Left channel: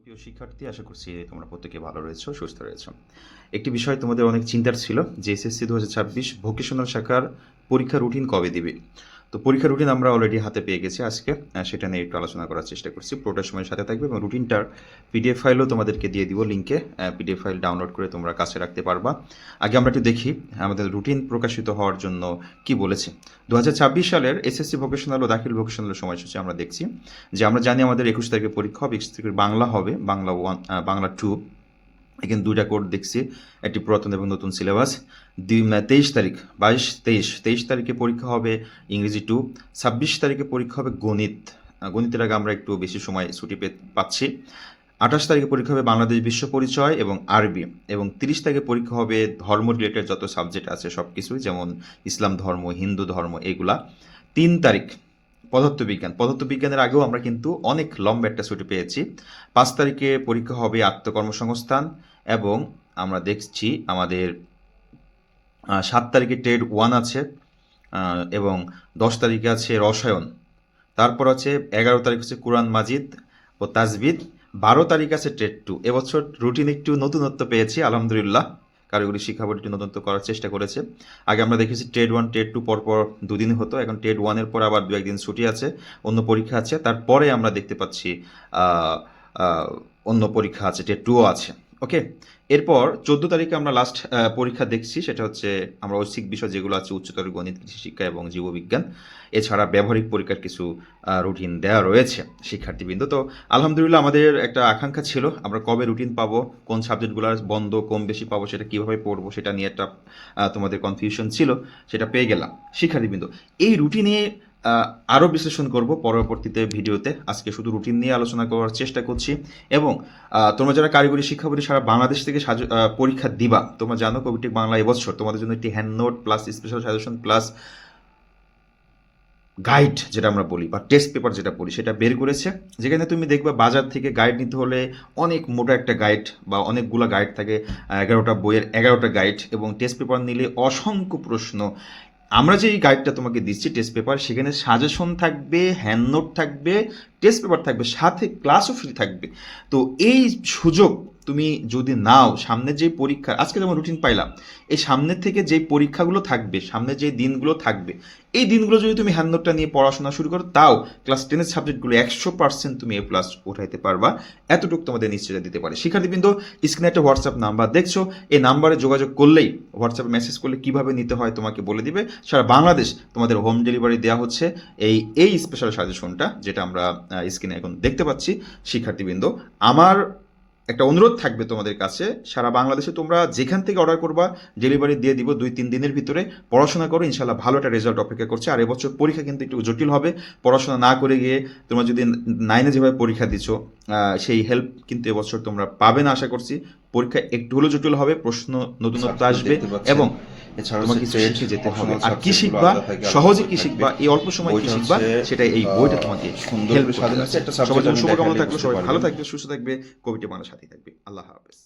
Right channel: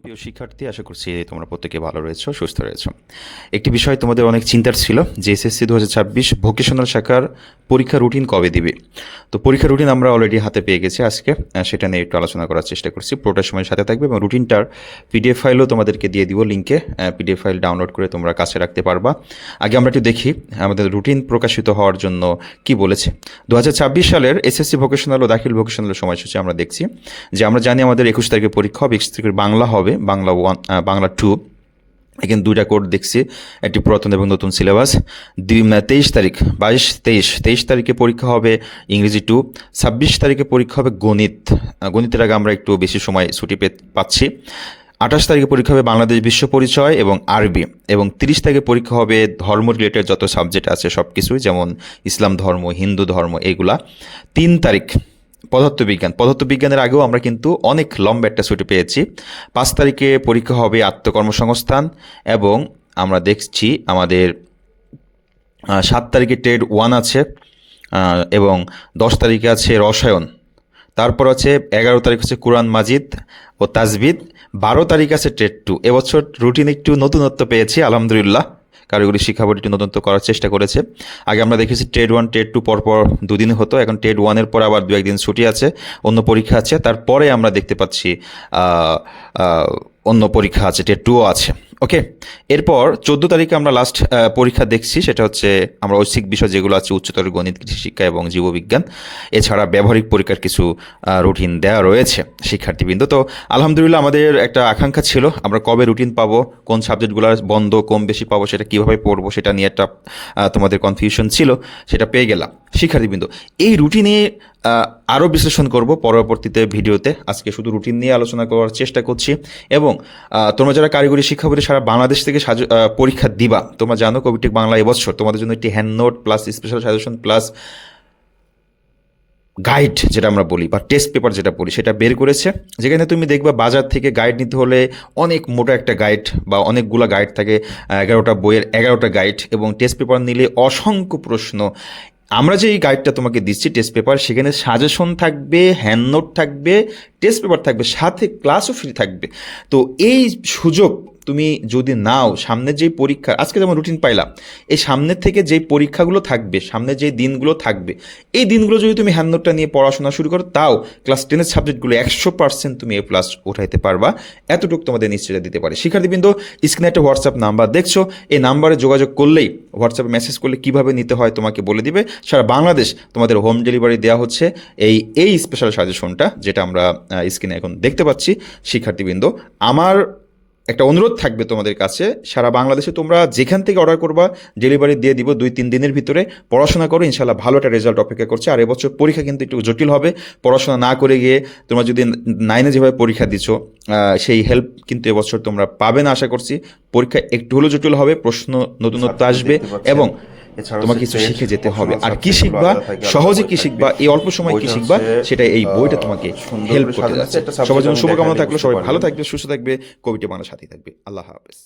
প্রিয় শিক্ষার্থী, আশা করছি তোমরা প্রত্যেকে ভালো রয়েছো, সুস্থ রয়েছো। একটি বিষয় তোমাদের অনেক চিন্তার ছিল, যে এসএসসি দু হাজার ছাব্বিশ ভোকেশনাল শাখার পরীক্ষা রুটিন কবে দিবে? তো পরীক্ষা রুটিন আমরা অলরেডি হাতে পেয়ে গেছি আজকে। সেটা নিয়ে একটু আলোচনা করার চেষ্টা করছি। পুরোটা সময় সাথে থাকবে এবং রুটিনটার পিডিএফ ফাইলও তোমাদেরকে দিয়ে দিব লিঙ্কে পিডিএফ ফাইল ডাউনলোড করে তোমরা কাছে রাখতে পারবা। আগে আমরা একটু দেখি আমাদের রুটিন প্রকাশিত হওয়ার জন্য কি বলেছে। দু হাজার ছাব্বিশ সালের এসএসসি ভোকেশনাল ও দাখিল ভোকেশনাল সময়সূচি আমরা দেখছি। যে আমরা জানি আমাদের একুশ তারিখে পরীক্ষা হবে, একুশ তারিখের বাংলা হবে, বাংলা ওয়ান বাংলা টু এখানে দুইটা কোড দেখছি, একটি পুরাতন এবং নতুন সিলেবাস। তেইশ তারিখ, বাইশ, তেইশ তেইশ তারিখে পরীক্ষা হবে ইংরেজি টু, ছাব্বিশ তারিখে পরীক্ষা হবে গণিত। গণিতের আগে আমরা একটু বেশি সময় ছুটি পে পাচ্ছি। আঠাশ তারিখে পরীক্ষা হবে বাংলাদেশ বিশ্ব পরিচয় এবং আরবি এবং তিরিশ তারিখে পরীক্ষা হবে ধর্ম রিলেটেড যত সাবজেক্ট আছে সব কিছুই যেমন ইসলাম ধর্ম, হিন্দু ধর্ম, এগুলা। তিন তারিখ পদার্থবিজ্ঞান। পদার্থবিজ্ঞানের আগেও আমরা কিন্তু অনেক লম্বা একটা ছুটি পেয়েছি। পাঁচ তারিখে পরীক্ষা হবে আত্মকর্মসংস্থান এবং আমরা দেখছি আমাদের সাত তারিখে ট্রেড ওয়ান আছে এবং দশ তারিখে আছে রসায়ন। তারপর আছে এগারো তারিখ হচ্ছে কোরআন মাজিদ ও তাজবিদ বারো তারিখ আছে ট্রেড টু এবছর রুটিন একটু নতুনত্ব পেয়েছি, আলহামদুলিল্লাহ। কারিগরি শিক্ষা বোর্ড তদন্ত করার চেষ্টা করেছে। আগে আমরা দেখেছি ট্রেড ওয়ান ট্রেড টু পরপর দুদিন হতো, এখন ট্রেড ওয়ানের পর আবার দু একদিন ছুটি আছে, অন্য পরীক্ষা আছে, তারপরে আমরা দেখতে পাচ্ছি অন্য পরীক্ষা আছে ট্রেড টুও আছে। ওকে এরপর চোদ্দ তারিখে আমরা লাস্ট পরীক্ষা দেখছি, সেটা হচ্ছে আমরা ঐচ্ছিক বিষয় যেগুলো আছে, উচ্চতর গণিত, কৃষি শিক্ষা এবং জীববিজ্ঞান। এছাড়া ব্যবহারিক পরীক্ষার কিছু রুটিন দেওয়া রয়েছে শিক্ষার্থীবৃন্দ। তো আলহামদুলিল্লাহ আমাদের একটা আকাঙ্ক্ষা ছিল, আমরা কবে রুটিন পাবো, কোন সাবজেক্টগুলো বন্ধ, কম বেশি পাবো, সেটা কীভাবে পড়ব, সেটা নিয়ে একটা তোমাদের কনফিউশন ছিল, সেটা পেয়ে গেলাম। শিক্ষার্থীবৃন্দ, এই রুটিনে আরও বিশ্লেষণ করব পরবর্তীতে ভিডিওতে। আজকে শুধু রুটিন নিয়ে আলোচনা করার চেষ্টা করছি এবং তোমরা যারা কারিগরি শিক্ষা বোর্ডে সারা বাংলাদেশ থেকে পরীক্ষা দিবা, তোমরা জানো কবিটেক বাংলা এবছর। তোমাদের জন্য একটি hand note plus special suggestion plus guide যেটা আমরা বলি, বা টেস্ট পেপার যেটা বলি, সেটা বের করেছে। যেখানে তুমি দেখবা বাজার থেকে গাইড নিতে হলে অনেক মোটা একটা গাইড বা অনেকগুলো গাইড থাকে এগারোটা বইয়ের এগারোটা গাইড এবং টেস্ট পেপার নিলে অসংখ্য প্রশ্ন আমরা যে এই গাইডটা তোমাকে দিচ্ছি টেস্ট পেপার সেখানে সাজেশন থাকবে হ্যান্ড নোট থাকবে টেস্ট পেপার থাকবে, সাথে ক্লাসও ফ্রি থাকবে। তো এই সুযোগ তুমি যদি নাও সামনের যেই পরীক্ষা, আজকে যেমন রুটিন পাইলাম, এই সামনের থেকে যেই পরীক্ষাগুলো থাকবে, সামনে যে দিনগুলো থাকবে, এই দিনগুলো যদি তুমি হ্যান্ডনোটটা নিয়ে পড়াশোনা শুরু করো, তাও ক্লাস টেনের সাবজেক্টগুলো একশো পার্সেন্ট তুমি এ প্লাস উঠাইতে পারবা। এতটুকু তোমাদের নিশ্চয়তা দিতে পারে। শিক্ষার্থীবৃন্দ স্ক্রিনে একটা হোয়াটসঅ্যাপ নাম্বার দেখছ, এই নাম্বারে যোগাযোগ করলেই হোয়াটসঅ্যাপে মেসেজ করলে কীভাবে নিতে হয় তোমাকে বলে দিবে। সারা বাংলাদেশ তোমাদের হোম ডেলিভারি দেওয়া হচ্ছে, এই এই স্পেশাল সাজেশনটা যেটা আমরা স্ক্রিনে এখন দেখতে পাচ্ছি শিক্ষার্থীবৃন্দ আমার একটা অনুরোধ থাকবে তোমাদের কাছে সারা বাংলাদেশে তোমরা যেখান থেকে অর্ডার করবা ডেলিভারি দিয়ে দিব দুই তিন দিনের ভিতরে পড়াশোনা করো ইনশাল্লাহ ভালো একটা রেজাল্ট অপেক্ষা করছে আর এবছর পরীক্ষা কিন্তু একটু জটিল হবে পড়াশোনা না করে গিয়ে তোমরা যদি নাইনে যেভাবে পরীক্ষা দিচ্ছ সেই হেল্প কিন্তু এবছর তোমরা পাবে না আশা করছি। পরীক্ষা একটু হলেও জটিল হবে প্রশ্ন নতুনত্ব আসবে এবং তোমাকে কিছু শিখে যেতে হবে। আর কি শিখবা? সহজে কি শিখবা? এই অল্প সময় কি শিখবা? সেটা এই বইটা তোমাকে হেল্প করতে যাচ্ছে সবার জন্য শুভকামনা থাকল সবাই ভালো থাকবে সুস্থ থাকবে কবিটি মানুষ সাথে থাকবে। আল্লাহ হাফেজ।